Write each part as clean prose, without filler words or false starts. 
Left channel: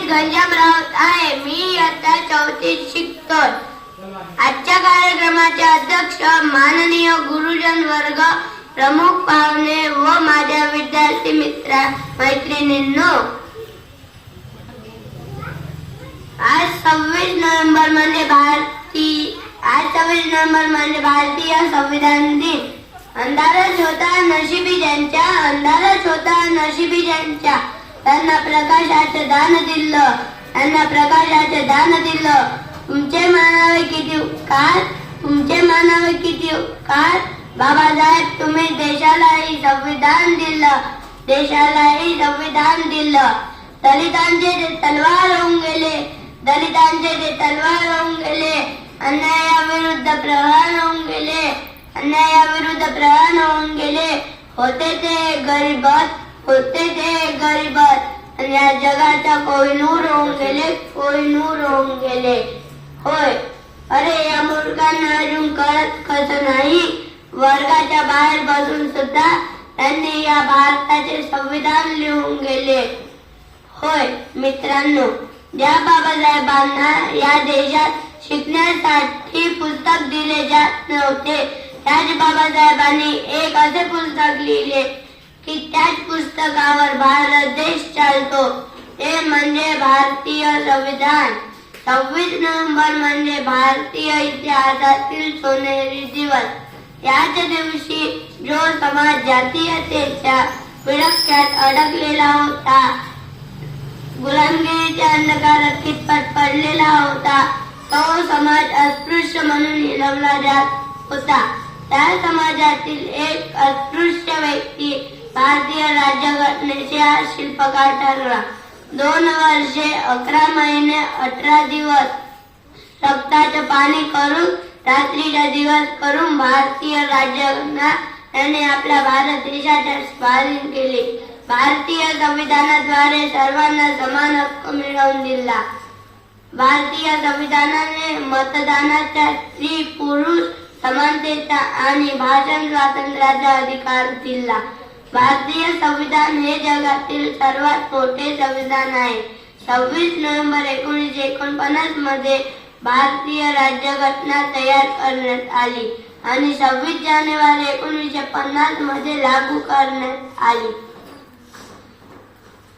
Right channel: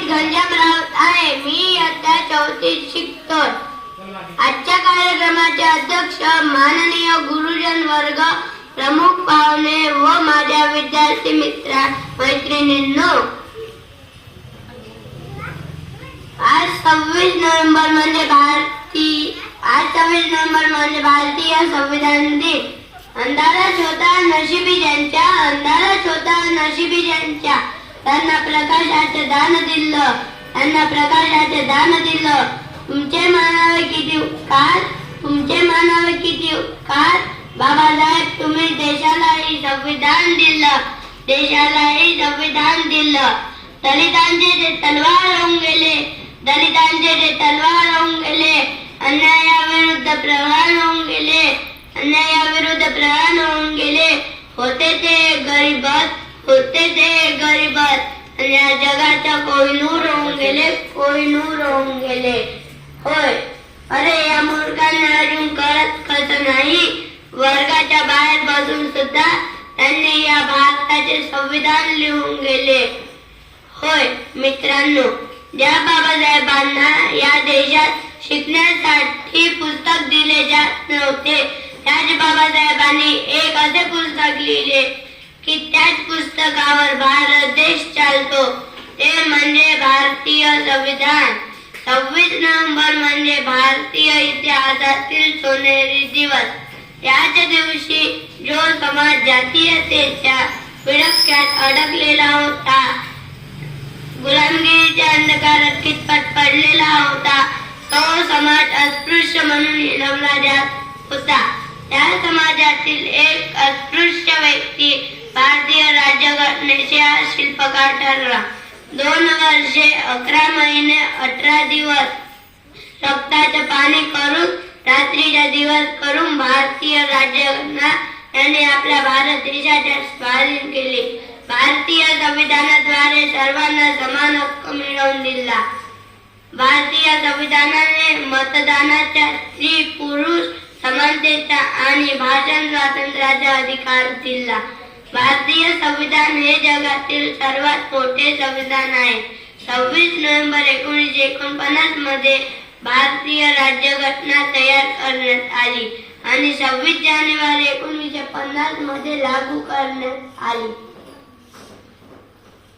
घनश्यामराव आहे. मी आता 4थीत शिकतोय. आजच्या कार्यक्रमाचे अध्यक्ष माननीय गुरुजन वर्ग, प्रमुख पाहुणे व माझ्या विद्यार्थी मित्र मैत्रिणींनो, आज 26 नोव्हेंबर म्हणजे भारतीय संविधान दिन. अंधारच होता नशिबी ज्यांच्या, त्यांना प्रकाशाचे दान दिलं. तुमचे मानावे किती उपकार बाबासाहेब, तुम्ही देशालाही संविधान दिलं. दलितांचे ते तलवार होऊन गेले, अन्यायाविरुद्ध प्रहार होऊन गेले. होते ते गरीबत आणि या जगाच्या कोहिनूर होऊन गेले. होय, अरे या मूर्खांना अजून कळत नाही. वर्गाच्या बाहेर बसून सुद्धा त्यांनी या भारताचे संविधान लिहून गेले. होय मित्रांनो, ज्या बाबासाहेबांना या देशात शिकण्यासाठी पुस्तक दिले जात नव्हते, त्याच बाबासाहेबांनी एक असे पुस्तक लिहिले की त्याच पुस्तकावर भारत देश चालतो, ते म्हणजे भारतीय संविधान. 26 नोव्हेंबर म्हणजे भारतीय इतिहासातील सोनेरी दिवस. याच दिवशी जो समाज जातीयतेच्या विळख्यात अडकलेला होता, गुलामगिरीच्या अंधकारात कितपत पडलेला होता, तो समाज अस्पृश्य म्हणून हिणवला जात होता. त्या समाजातील एक अस्पृश्य व्यक्ती भारतीय राज्यघटनेचा शिल्पकार ठरला. 2 वर्षे 11 महिने 18 दिवस रक्ताचे पाणी करून, रात्रीचे दिवस करून भारतीय राज्यघटना याने आपल्या भारत देशाचे स्वाधीन केले. भारतीय संविधानाद्वारे सर्वांना समान हक्क मिळवून दिला. भारतीय संविधानाने मतदानाचा, स्त्री पुरुष समानतेचा आणि भाषण स्वातंत्र्याचा अधिकार दिला. भारतीय संविधान हे जगातील सर्वात मोठे संविधान आहे. 26 नोव्हेंबर 1949 मध्ये भारतीय राज्यघटना तयार करण्यात आली आणि 26 जानेवारी 1950 मध्ये लागू करण्यात आली.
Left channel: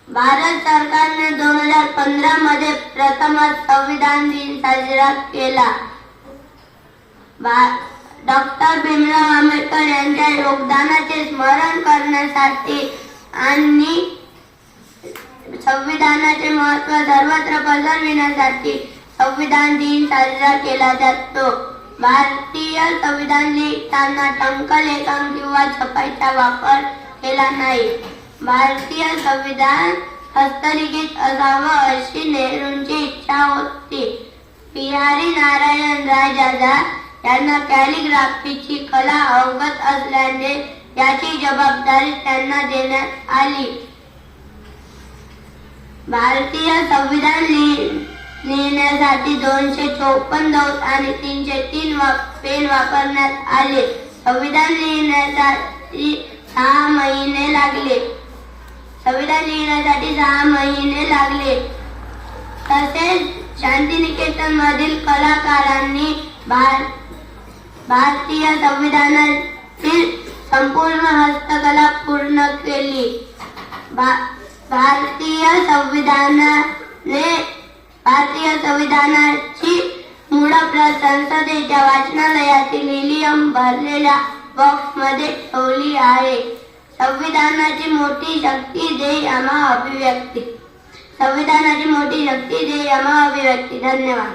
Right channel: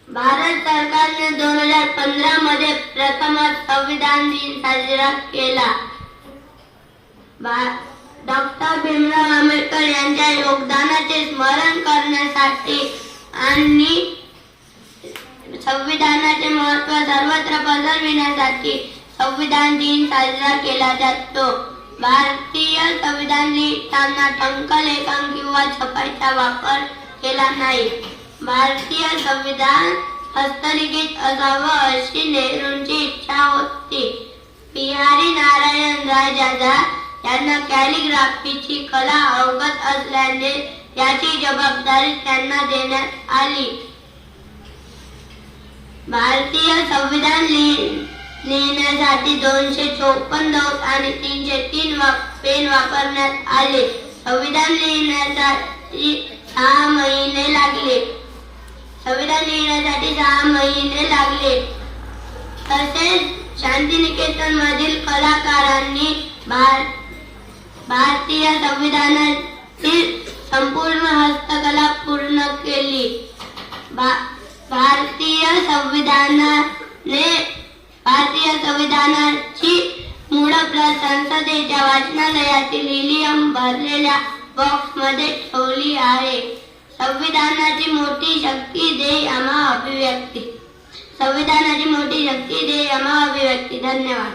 भारत सरकारने 2015 मध्ये प्रथमच संविधान दिन साजरा केला. डॉक्टर भीमराव आंबेडकर यांच्या योगदानाचे स्मरण करण्यासाठी आणि संविधानाचे महत्त्व सर्वत्र पसरविण्यासाठी संविधान दिन साजरा केला जातो. भारतीय संविधान लिहिताना टंकलेखन किंवा छपाईचा वापर केला नाही. भारतीय संविधान हस्तलिखित असावं अशी नेहरूंची इच्छा होती. बिहारी नारायण राय यांना कॅलिग्राफीची कला अवगत असल्याने याची जबाबदारी त्यांना देण्यात आली. भारतीय संविधान लिहिण्यासाठी 254 दौत आणि 303 पेन वापरण्यात आले. संविधान लिहिण्यासाठी 6 महिने लागले. तसेच शांतिनिकेतन मधील कलाकारांनी भारतीय संविधानातील संपूर्ण हस्तकला पूर्ण केली. भारतीय संविधानाची मूळ प्रत संसदेच्या वाचनालयातील हिलियम भरलेल्या बॉक्स मध्ये ठेवली आहे. संविधानाची मोठी शक्ती दे आम्हा अभिव्यक्ती. धन्यवाद.